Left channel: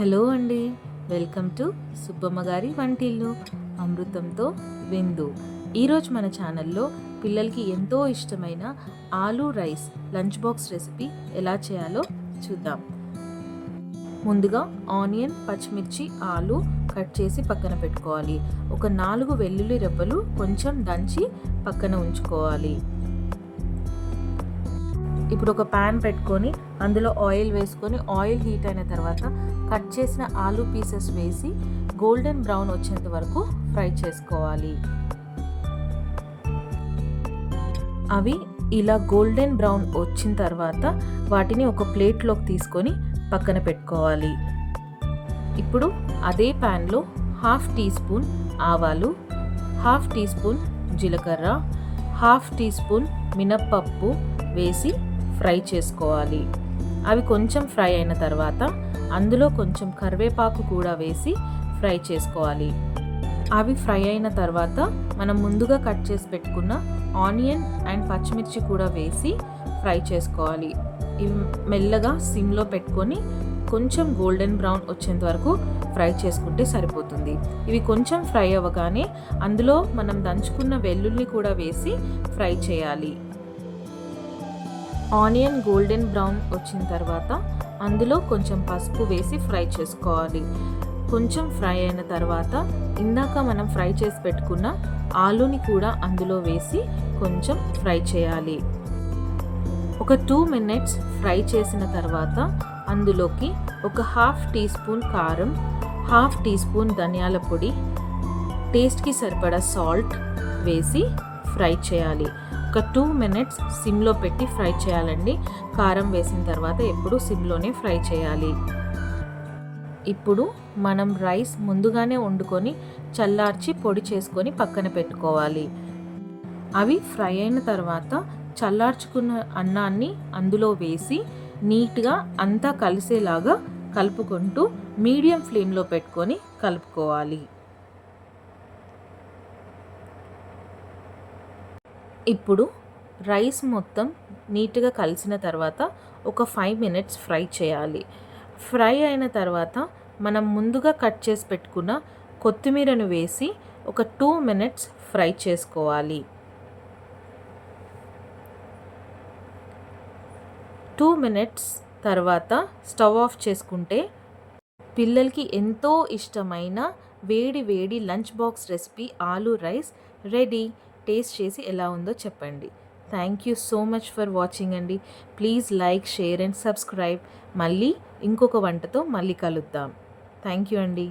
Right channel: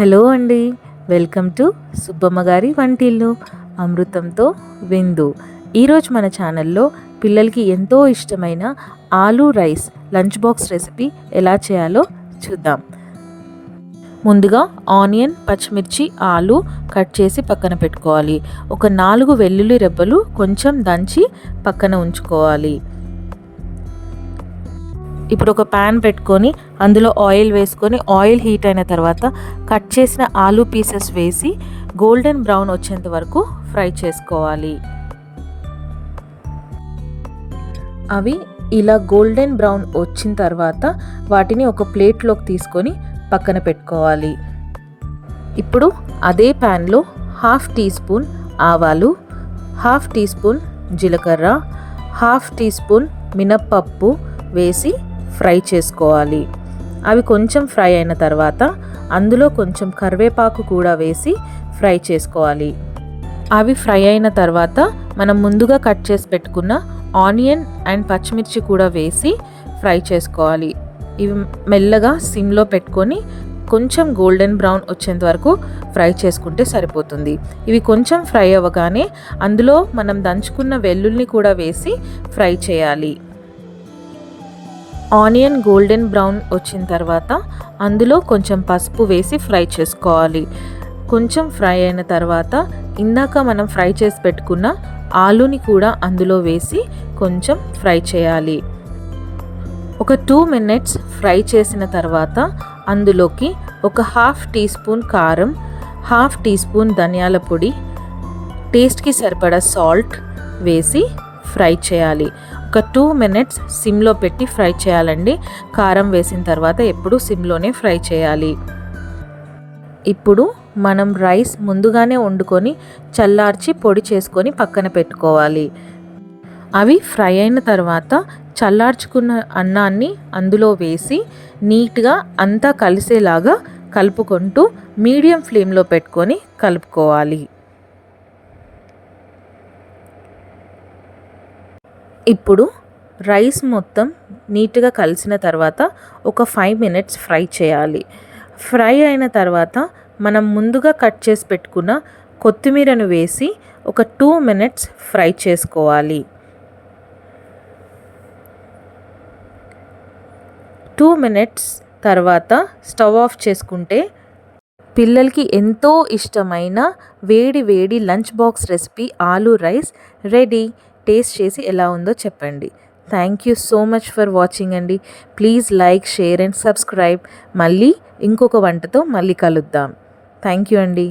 Hello అండి, welcome to Subbamma గారి వంటిల్లు అమృతంతో విందు. ఈరోజు మన ఛానల్లో పిల్లలకి ఎంతో ఇష్టమైన aloo rice lunch box recipe ఎలా చేయాలో చూద్దాం. ముందుగా ఆనియన్, పచ్చిమిర్చి, ఆలు కట్ చేసి పక్కన పెట్టుకోవాలి. ఒక 4 వెల్లుల్లి రెబ్బలు కొంచెం దంచి పక్కన ఉంచుకోవాలి. ఇప్పుడు ఒక ప్యాన్ పెట్టుకొని అందులో ఆయిల్ వేసుకొని ఆయిల్ హీట్ అయిన తర్వాత కట్ చేసిన ఆలూ పీసెస్ వేసి గోల్డెన్ బ్రౌన్ వచ్చేంత వరకు ఫ్రై చేసుకోవాలి. అవి ఇలా గోల్డెన్ బ్రౌన్ వచ్చిన తర్వాత వాటిని ఒక ప్లేట్లోకి తీసుకొని పక్కన పెట్టుకోవాలి. ఇప్పుడు అదే ప్యాన్లో 1/2 టీ స్పూన్ ఆవాలు, 1/2 టీ స్పూన్ జీలకర్ర, 1/2 టీ స్పూన్ మినప్పప్పు వేసి ఫ్రై చేసుకోవాలి. అవి కొంచెం ఫ్రై అయిన తర్వాత అందులో కొంచెం కరివేపాకు కూడా వేసి ఫ్రై చేసుకోవాలి. అవి ఫ్రై అయిన తర్వాత మనం ముందుగా కట్ చేసి పెట్టుకున్న ఆనియన్ అండ్ పచ్చిమిర్చి కూడా వేసి ఫ్రై చేసుకోవాలి. ఇవి మెల్లగా సిమ్లో పెట్టుకొని కొంచెం గోల్డెన్ బ్రౌన్ వచ్చేంత వరకు ఫ్రై చేసుకుంటే సరిపోతుంది. ఇవి కొంచెం ఫ్రై అవ్వగానే అందులో మనం దంచుకున్న వెల్లుల్ని కూడా వేసి ఫ్రై చేయాలి. ఆనియన్ గోల్డెన్ బ్రౌన్ వచ్చిన తర్వాత అందులో కొంచెం పసుపు వేసి ఫ్రై చేసుకోవాలి. కొంచెం ఫ్రై అయిన తర్వాత ఇందాక మనం ఫ్రై చేసి పెట్టుకున్న ఆలూని కూడా అందులో వేసి కొంచెం ఫ్రై చేయాలి. ఒక 2 మినిట్స్ ఫ్రై చేసిన తర్వాత అందులోకి ఒక 1/2 టీ స్పూన్ కారం, 1/2 టీ స్పూన్ ధనియాల పొడి, టేస్ట్కి సరిపడా సాల్ట్ వేసి ఫ్రై చేయాలి. ఒక 2 మినిట్స్ సిమ్లో పెట్టి ఫ్రై చేయాలండి. కారం వేసిన తర్వాత ఎప్పుడు సిమ్లోనే ఫ్రై చేయాలి. ఇప్పుడు మనం రైస్ ముందుగానే వండుకొని చల్లార్చి పొడి చేసుకొని పక్కన పెట్టుకోవాలి. అవి ఫ్రై అయిన తర్వాత చల్లార్చుకున్న అన్నాన్ని అందులో వేసి నీట్గా అంతా కలిసేలాగా కలుపుకుంటూ మీడియం ఫ్లేమ్లో పెట్టుకొని కలుపుకోవాలి. ఇప్పుడు రైస్ మొత్తం నీట్గా కలిసిన తర్వాత ఒక 5 మినిట్స్ ఫ్రై చేయాలి. ఫ్రై అయిన తర్వాత మనం ముందుగా కట్ చేసి పెట్టుకున్న కొత్తిమీరను వేసి ఒక 2 మినిట్స్ ఫ్రై చేసుకోవాలి. 2 మినిట్స్ తర్వాత స్టవ్ ఆఫ్ చేసుకుంటే పిల్లలకి ఎంతో ఇష్టమైన వేడి వేడి lunch box recipe aloo rice ready. Taste చేసి ఎలా ఉందో చెప్పండి. Thank you so much for watching అండి. Please like, share and subscribe. మళ్ళీ ఇంకొక వంటతో మళ్ళీ కలుద్దాం. థ్యాంక్ యూ అండి.